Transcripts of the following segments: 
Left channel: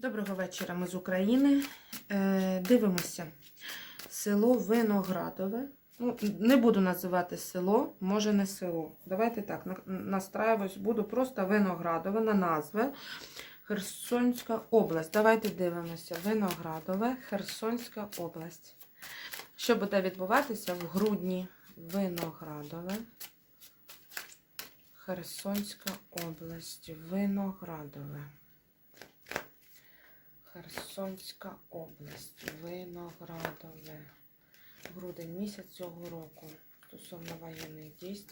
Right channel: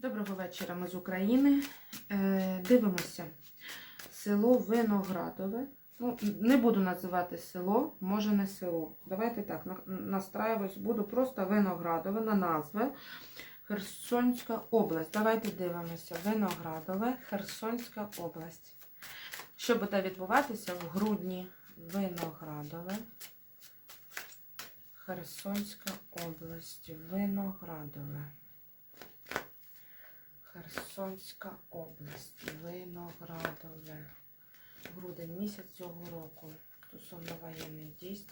Доброго вечора, ми з України. Е, дивимося. Село Виноградове. Ну, не буду називати село, може не село. Давайте так, настраюсь, буду просто Виноградове на назви. Херсонська область. Давайте дивимося. Виноградове, Херсонська область. Що буде відбуватися в грудні? Виноградове. Херсонська область. Виноградове. Херсонська область, Виноградове. Грудень місяць цього року. Стосовно воєнних дій.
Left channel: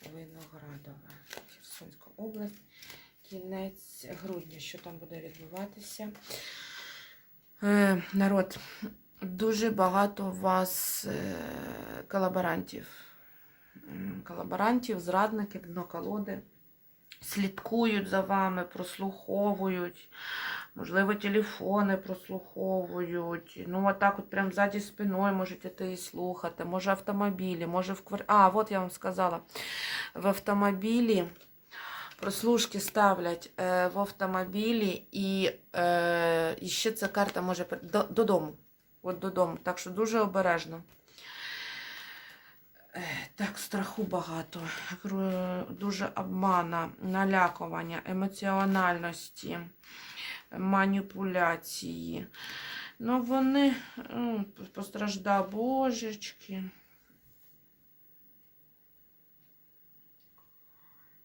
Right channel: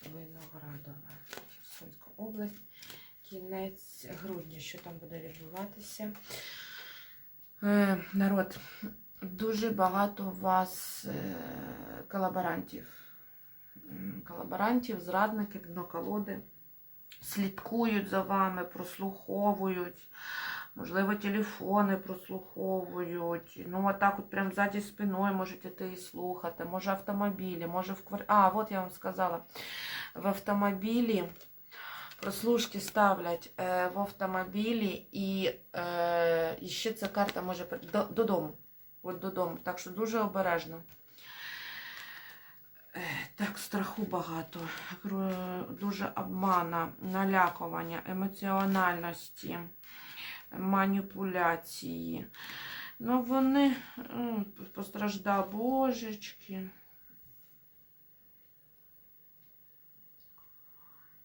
Виноградове. Херсонська область. Кінець грудня. Що там буде відбуватися? Е, народ, дуже багато у вас е, колаборантів. Колаборантів, зрадників, дноколоди. Слідкують за вами, прослуховують. Можливо, телефони прослуховують. Ну, отак от прям ззаді спиною можете ти і слухати. Може, автомобілі, може в квар... А, от я вам сказала. В автомобілі прослушки ставлять е, в автомобілі, і, е, і ще ця карта може до, додому. От додому. Так що дуже обережно. Е, Так, страху багато, дуже обмана, налякування, емоціональності, маніпуляції. Ну, вони м, постражда божечки.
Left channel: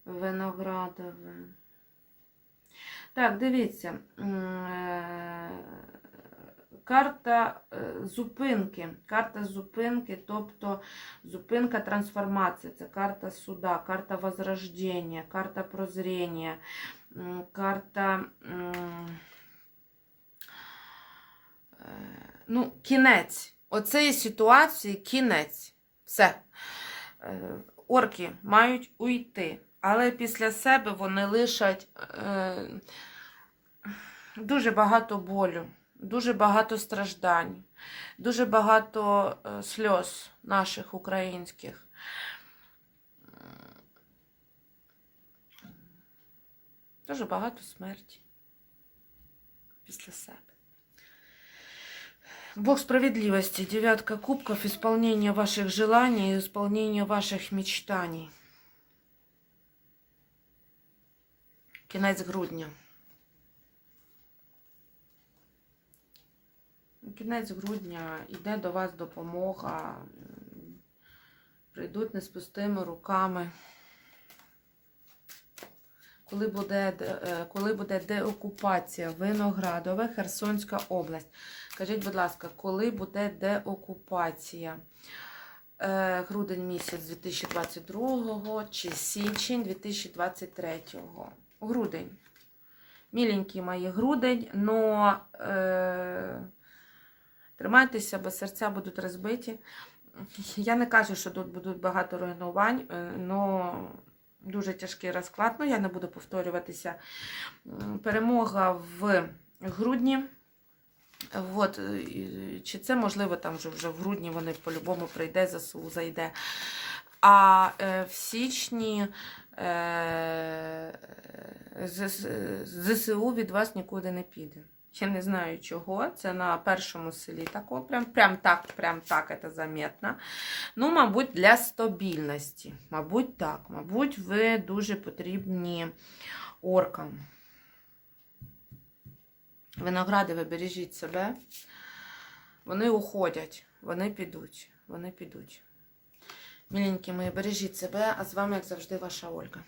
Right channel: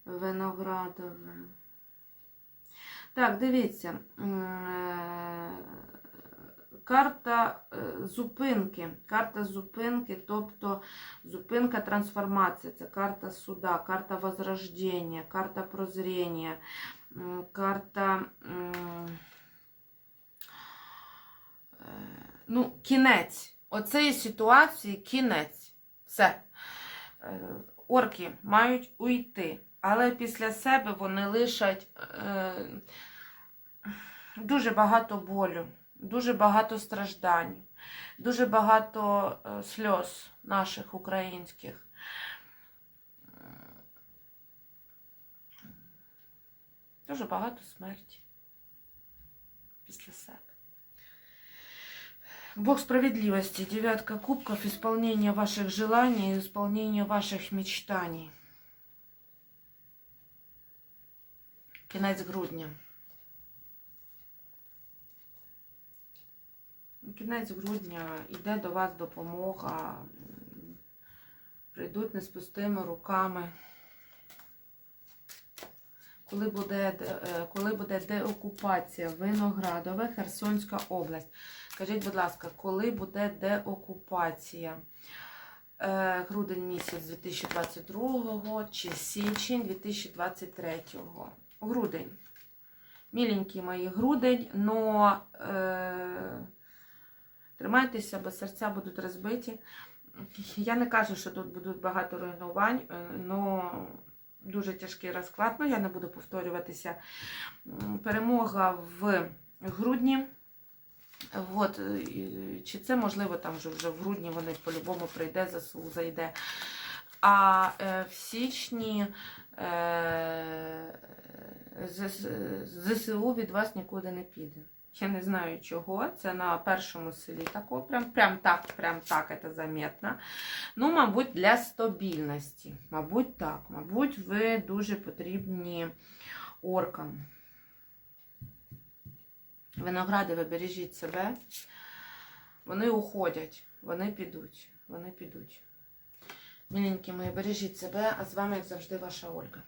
Виноградове. Так, дивіться. е, Карта е, зупинки. Карта зупинки, тобто зупинка трансформації. Це карта суда, карта возрождення, карта прозріння, карта. м, е, Ну, кінець. Оцеї ситуації кінець. Все. Е, Орки мають уйти, але після себе вони лишать е, дуже багато болю, дуже багато страждань, дуже багато е, сльоз наших українських. Дуже багато смерті після себе. Бог справедливости, девятка кубков, исполнение ваших желаний, исполнение ваших мечтаний. Кінець грудня. Кінець грудня йде до вас допомога. Прийдуть не з пустими руками. Коли буде, е, коли буде деокупація Виноградове, Херсонська область. Скажіть, будь ласка, коли буде деокупація? Е, грудень місяць 2022 чи січень 2023? Грудень. Міленькі мої грудень, но е, тримайтеся, бо серця будуть розбиті. Я не кажу, що тут будуть багато руйнувань, але дуже тяжкий розклад. Ну, я не буду повторюватися. Перемога в грудні. От, е, чи це можливо там вже, вже в грудні вони по-любому прийде, ЗСУ зайде. А е, в січні е, З- ЗСУ від вас нікуди не піде. Я не знаю чого. Це на першому селі тако, прям, прям так, прям так це заметно. Ну, мабуть, для стабільності. Мабуть, так. Мабуть, ви дуже потрібні оркам. Виногради, ви бережіть себе. Вони уходять, вони підуть, вони підуть. Міленькі мої, бережіть себе, а з вами, як завжди, ваша Ольга.